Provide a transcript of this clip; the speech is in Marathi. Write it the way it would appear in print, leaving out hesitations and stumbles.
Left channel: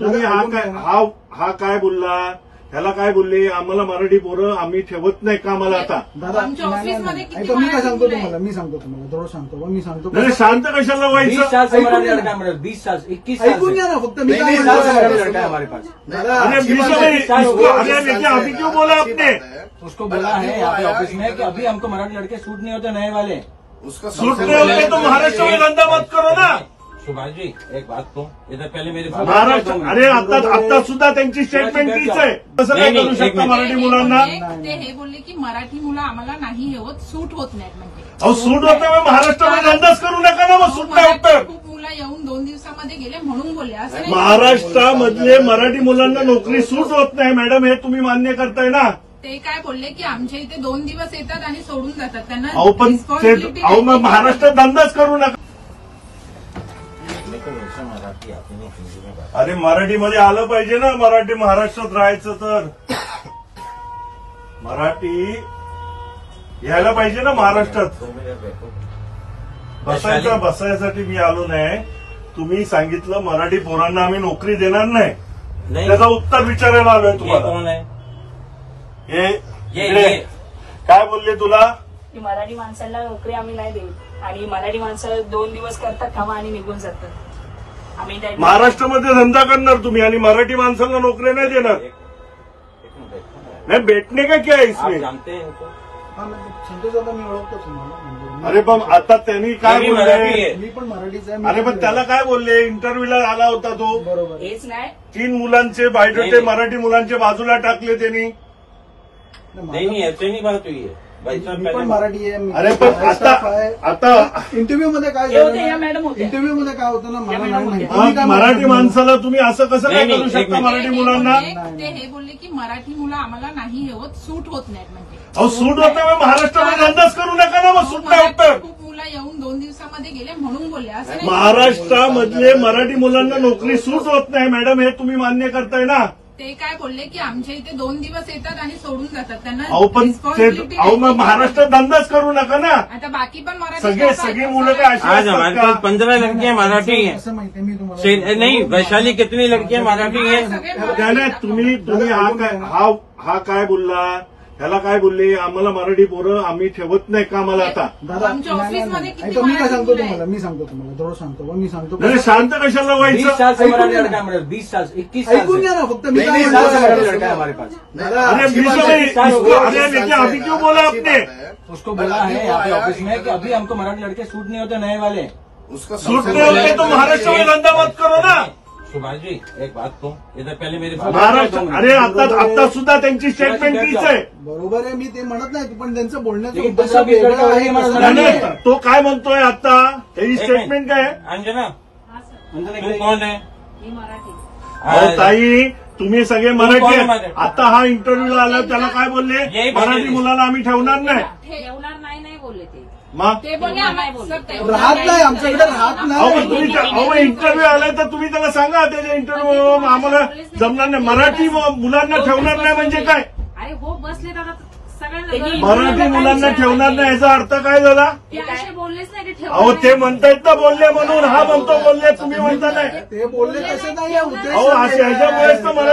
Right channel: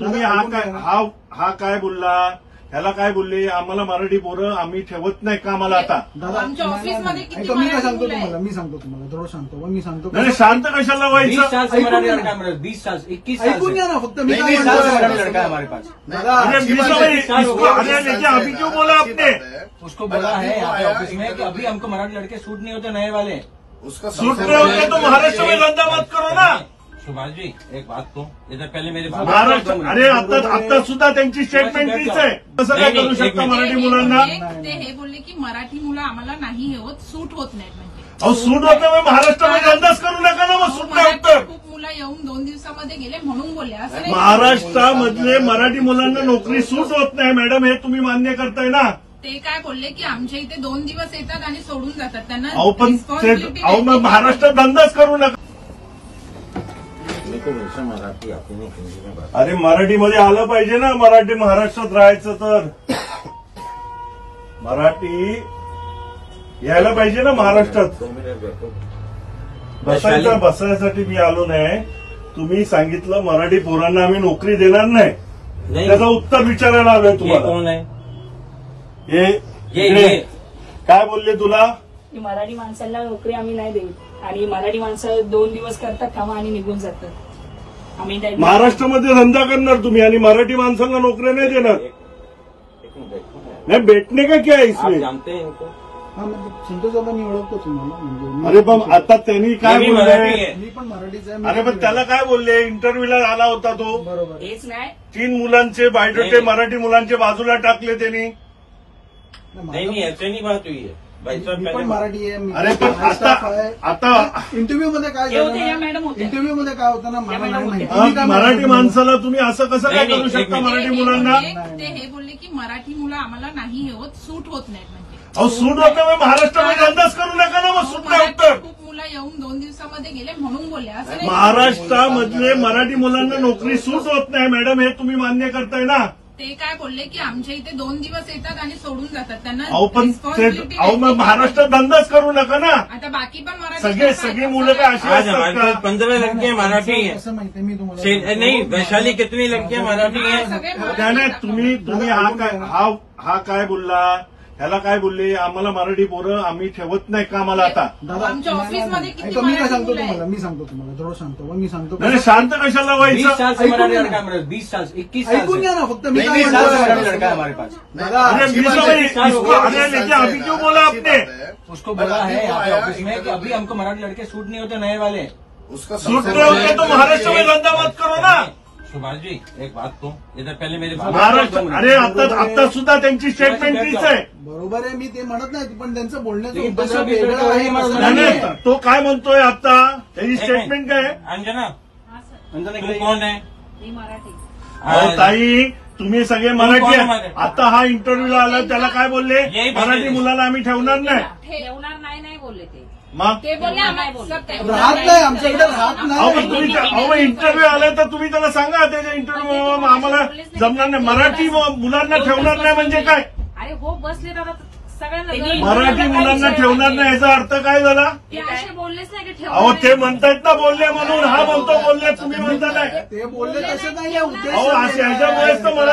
तुम्ही हा काय बोलला, त्याला काय बोलले, आम्हाला मराठी पोरं आम्ही ठेवत नाही कामाला आता. आमच्या ऑफिसमध्ये किती मी काय सांगतो तुम्हाला, मी सांगतो थोडं मी सांगतो. नाही शांत कशाला व्हायचं. 20 साल से मराठी लड़का है हमारे, 20 साल 21 साल ऐकून घ्या ना फक्त. मी काय लड़का है म्हणतो हमारे पास. अरे लेकिन अभी क्यों बोला आपने? उसको बोला है यहाँ पे ऑफिस में कि अभी हमको मराठी लड़के सूट नहीं होते नए वाले. सूट नहीं होते तो महाराष्ट्र में धंधा मत करो ना. सुभाष जी एक बात तो इधर पहले मेरी बात. महाराष्ट्र अरे आता सुद्धा त्यांची स्टेटमेंट तीच आहे. कसं काय करू शकता मराठी मुलांना? ते हे बोलले की मराठी मुलं आम्हाला नाही होत, सूट होत नाहीत म्हणजे. अहो सूट होतं मग महाराष्ट्रामध्ये धंदाच करू नका ना. मग सूट नाही होत तर. खूप मुलं येऊन 2 दिवसामध्ये गेले म्हणून बोलले. असं नाही. महाराष्ट्रामधले मराठी मुलांना नोकरी सूट होत नाही मॅडम, हे तुम्ही मान्य करताय ना. ते काय बोलले की आमच्या इथे 2 दिवस येतात आणि सोडून जातात. त्यांना अहो पण ते मग महाराष्ट्रात धंदाच करू नका. अरे मराठीमध्ये आलं पाहिजे ना. मराठी महाराष्ट्रात राहायचं तर मराठी यायला पाहिजे ना महाराष्ट्रात. बसायसाठी मी आलो नाही. तुम्ही सांगितलं मराठी पोरांना आम्ही नोकरी देणार नाही. त्याचा उत्तर विचारायला आलोय तुम्हाला. कौन है हे काय बोलले तुला? मराठी माणसांना नोकरी आम्ही नाही देऊ आणि मराठी माणसं 2 दिवस करतात कामं आणि निघून जातात. आम्ही काय महाराष्ट्रामध्ये धंदा करणार तुम्ही आणि मराठी माणसाला नोकरी नाही देणार. नाही भेटणे का क्या इसमें? संतोषाला मी ओळखतो तुम्हाला. अरे पण आता त्यांनी काय बोलले? मी पण मराठीच आहे. अरे पण त्याला काय बोलले? इंटरव्ह्यूला आला होता तो. बरोबर. हेच नाही 3 मुलांचे बायोडेटे मराठी मुलांचे बाजूला टाकले त्यांनी. नहीं ऐसे नहीं बात हुई है भाई साहब. मी पण मराठी आहे. अरे पण आता इंटरव्ह्यू मध्ये काय हे होते, या मॅडम होत्या. इंटरव्ह्यू मध्ये काय होतं ना मला मॅडम नाही होत्या. माहिती. आज मराठी माणसाला तुम्ही असं कसं काय करू शकता मराठी मुलांना? ते हे बोलले की मराठी मुलं आम्हाला नाही होत, सूट होत नाहीत म्हणजे. अहो सूट होतं मग महाराष्ट्रामध्ये धंदाच करू नका ना. मग सूट नाही होत तर. खूप मुलं येऊन 2 दिवसामध्ये गेले म्हणून बोलले. असं नाही. महाराष्ट्रामधले मराठी मुलांना नोकरी सूट होत नाही मॅडम, हे तुम्ही मान्य करताय ना. ते काय बोलले की आमच्या इथे 2 दिवस येतात आणि सोडून जातात. त्यांना अहो पण मग महाराष्ट्रात धंदाच करू नका ना. आता बाकी पण मराठी सगळी मुलं काय अशी आज हमारे असतात पास का? 15 लड़कियां मराठी हैं. असं माहिती आहे मी तुम्हाला. नहीं वैशाली कितनी लड़कियां मराठी हैं? त्याने तुम्ही हा काय बोलला, त्याला काय बोलले, आम्हाला मराठी पोरं आम्ही ठेवत नाही कामाला आता. आमच्या ऑफिसमध्ये किती मी काय मराठी सांगतो मुलं आहेत? तुम्हाला, मी सांगतो थोडं मी सांगतो. नाही शांत कशाला 20 व्हायचं. साल से मराठी लड़का है हमारे, 20 साल 21 साल ऐकून घ्या ना फक्त. मी काय 20 साल से मराठी म्हणतो लड़का है हमारे पास. अरे लेकिन अभी क्यों बोला आपने? उसको बोला है यहाँ पे ऑफिस में कि अभी हमको मराठी लड़के सूट नहीं होते नए वाले. सूट नहीं होते तो महाराष्ट्र में धंधा मत करो ना. सुभाष जी एक बात तो इधर पहले मेरी बात. महाराष्ट्र अरे आता सुद्धा त्यांची स्टेटमेंट तीच आहे. बरोबर आहे. मी ते म्हणत नाही पण त्यांचं बोलण्याचं लेकिन उद्देश 15-20 वेगळं आहे. लड़का नाही, तो काय म्हणतोय आता? त्याची स्टेटमेंट काय आहे? अंजना तू कौन है? ही मराठी. अहो ताई तुम्ही सगळे मराठी कोण आहेत. मराठी? आता हा इंटरव्ह्यूला आला त्याला काय बोलले? यही मराठी बोलले. मुलाला आम्ही ठेवणार नाही. ठेवणार नाही बोलले ते. मग ते बोलले आम्हाला राहत नाही आमच्याकडे राहत अहो पण नाही. तुम्ही इंटरव्ह्यू आलाय तर तुम्ही त्याला सांगा त्याच्या इंटरव्ह्यू आम्हाला जमणार नाही. मराठी मुलांना ठेवणार नाही म्हणजे काय? अरे हो बसले दादा सगळ्यांना. मराठी मुलांना ठेवणार नाही याचा अर्थ काय झाला? ते असे बोललेच नाही की अहो ते म्हणतायत ना बोलले म्हणून. हा म्हणतो बोलले, तुम्ही म्हणता नाही. ते बोलले तसे नाही आहे उद्देश. अहो ह्याच्यामुळेच तर मला